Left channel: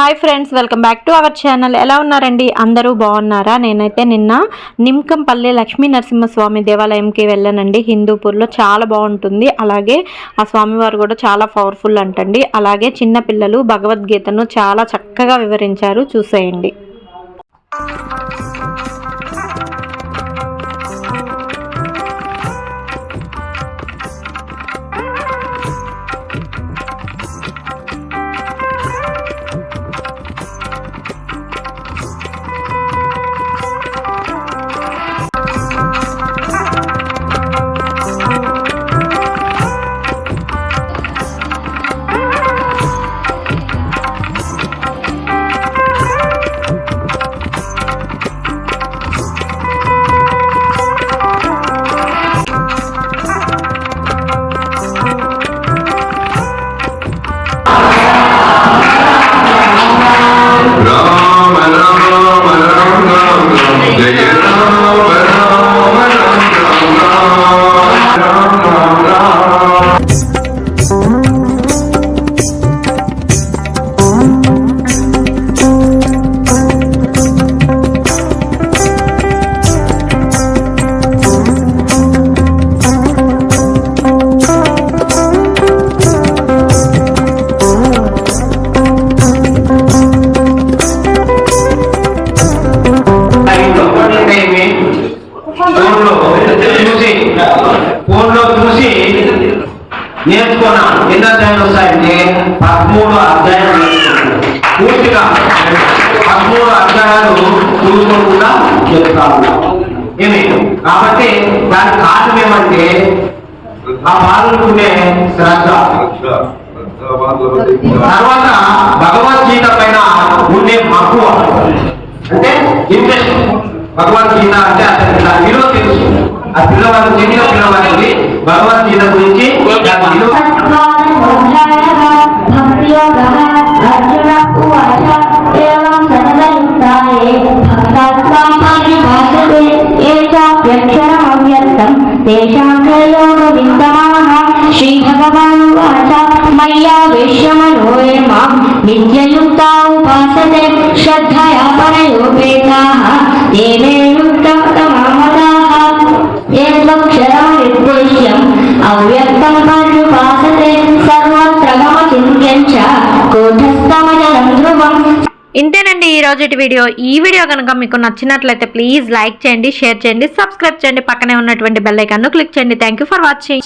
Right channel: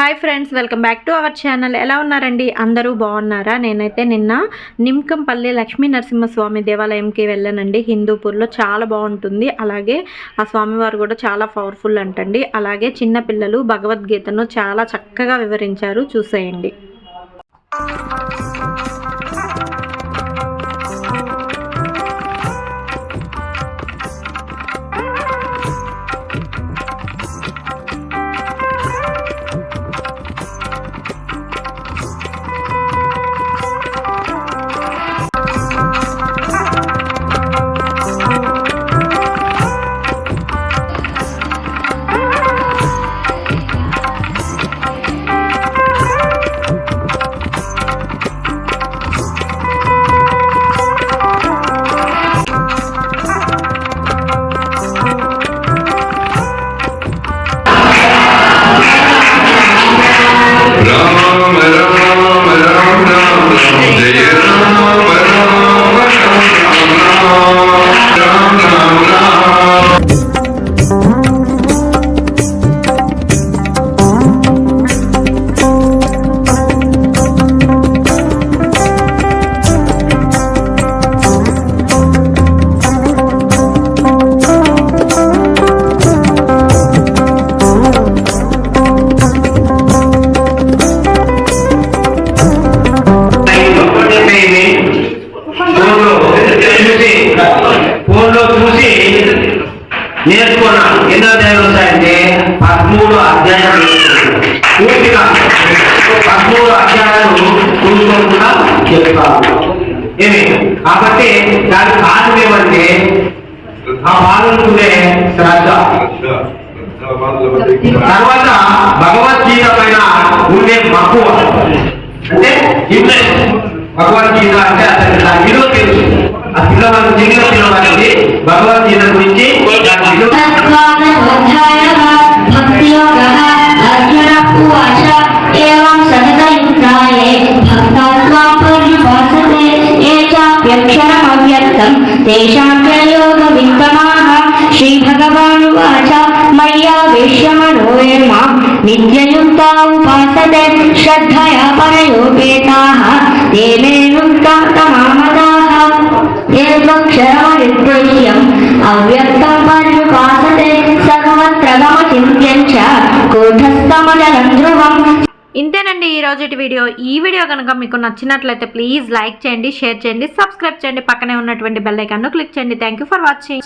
Hi friends, welcome back to our channel. ఎలా ఉన్నారండి? అందరూ బాగున్నారా? నేనైతే నిన్న నిమ్కంపల్లి లక్ష్మీ నరసింహస్వామి దేవాలయంకి వెళ్ళానండి. హిందూపూర్లో చాలా బాగుంటుంది. అలాగే ఆ స్వామివారు కూడా చాలా పవర్ఫుల్ అంటండి. అలాగే చిన్న పిల్లలు భగవద్గీతను చాలా చక్కగా వివరించారు, చూసేయండి. నేర్చుకున్నాం. ఎన్నో అధ్యాయులు వస్తాయంటే 13 అధ్యాయాలు పూర్తిగా 13 అధ్యాయాలు కూడుకోకుండా చెప్తాము. ఏమి కాబట్టి దాని కారణం ఏమంటే ఆ బాలుడుకునే శ్రద్ధ. తర్వాత భగవద్గీత పైన ఉండే మక్కువ, అంటే ఇంట్రెస్ట్. భగవద్గీత అంటే అతనికి విలువ తెలుసు. ఆ పిల్లవాడు చిన్న పిల్లవాడికి భగవద్గీత గురించి శ్రీ భగవాన్ వాచ మయ్యా వేష్యమనోయే మాం నిత్యయుక్తా ఉపాసతే శ్రద్ధయా పరయోపేతాః తే మే యుక్తతమామతాః ఏత్వక్షరమవిద్వేష్యం అవ్యక్తం పర్యుపాసతే సర్వత్ర గమచింత్యం చ కూఢస్థమజలం ధ్రువం. ఇంతేనండి ఈ రోజుటి వీడియో. ఈ వీడియో కనుక మీకు నచ్చినట్లయితే ప్లీజ్ లైక్ చేయండి, షేర్ చేయండి, సబ్స్క్రైబ్ చేయండి, పక్కనే ఉన్నటువంటి బెల్ ఐకాన్ను క్లిక్ చేయండి. Thank you for watching.